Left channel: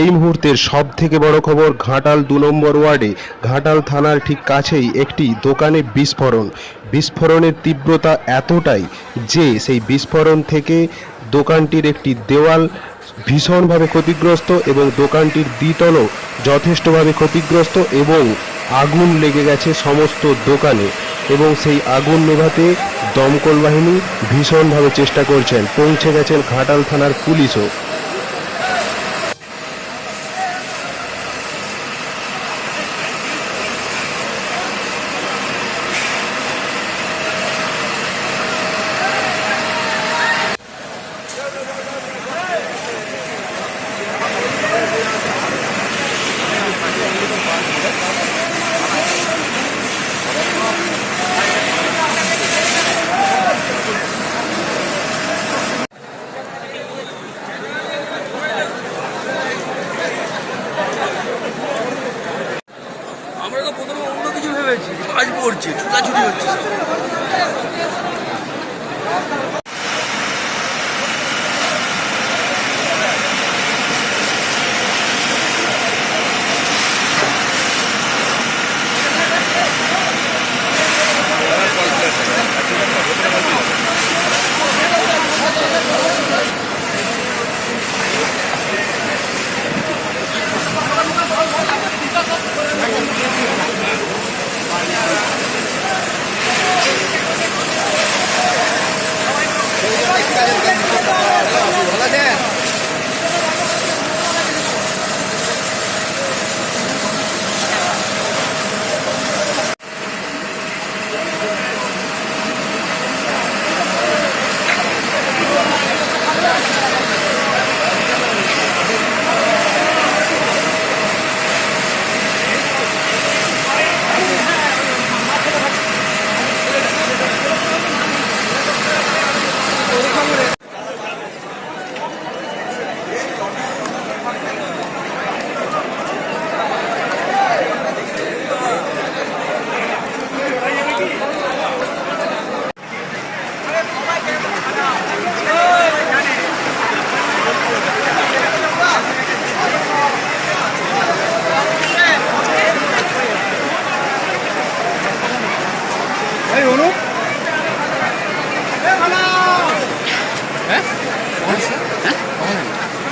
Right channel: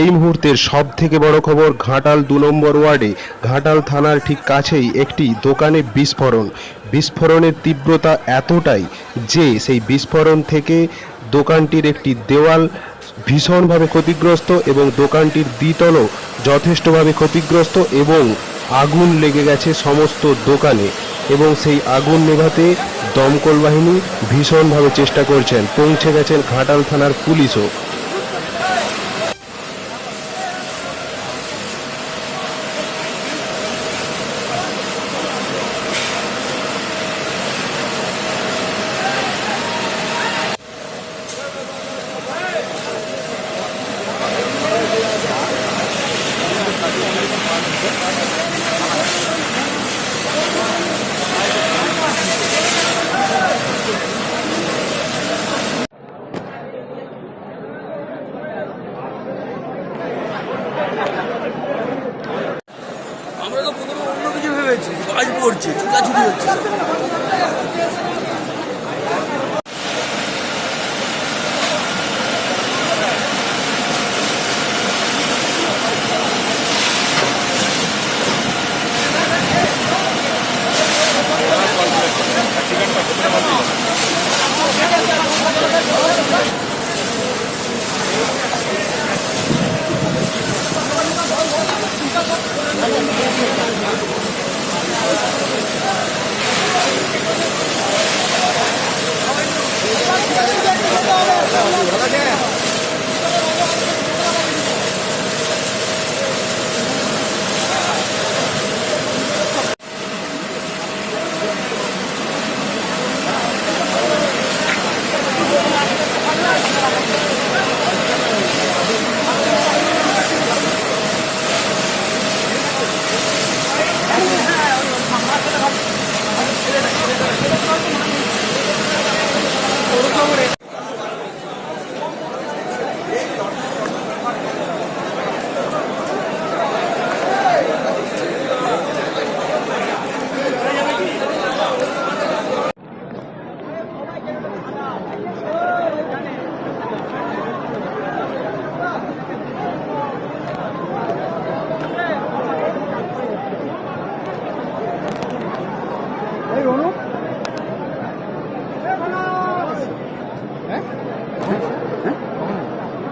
এই মুহূর্তের সব থেকে বড় খবর, ঘাটাল দু নম্বর ওয়ার্ডে, ঘাটাল থানার ঠিক কাছেই একটি দোকানে বিস্ফোরণ। বিস্ফোরণের তীব্রতা এতটাই যে সেই বিস্ফোরণ থেকে দোকানটির একটি দেওয়াল ভীষণভাবে ক্ষতিগ্রস্ত এবং দোকানটির দ্বিতলও যথেষ্টভাবে ক্ষতিগ্রস্ত এবং আগুন লেগে গেছে সমস্ত দোকানে এবং সেই আগুন নেভাতে দমকল বাহিনী ভীষণভাবে চেষ্টা করছেন। পৌঁছে গেছেন ঘাটাল থানার পুলিশও। কিছু ভেবেছি বাজ পড়ছে ছুটাছুটি হচ্ছে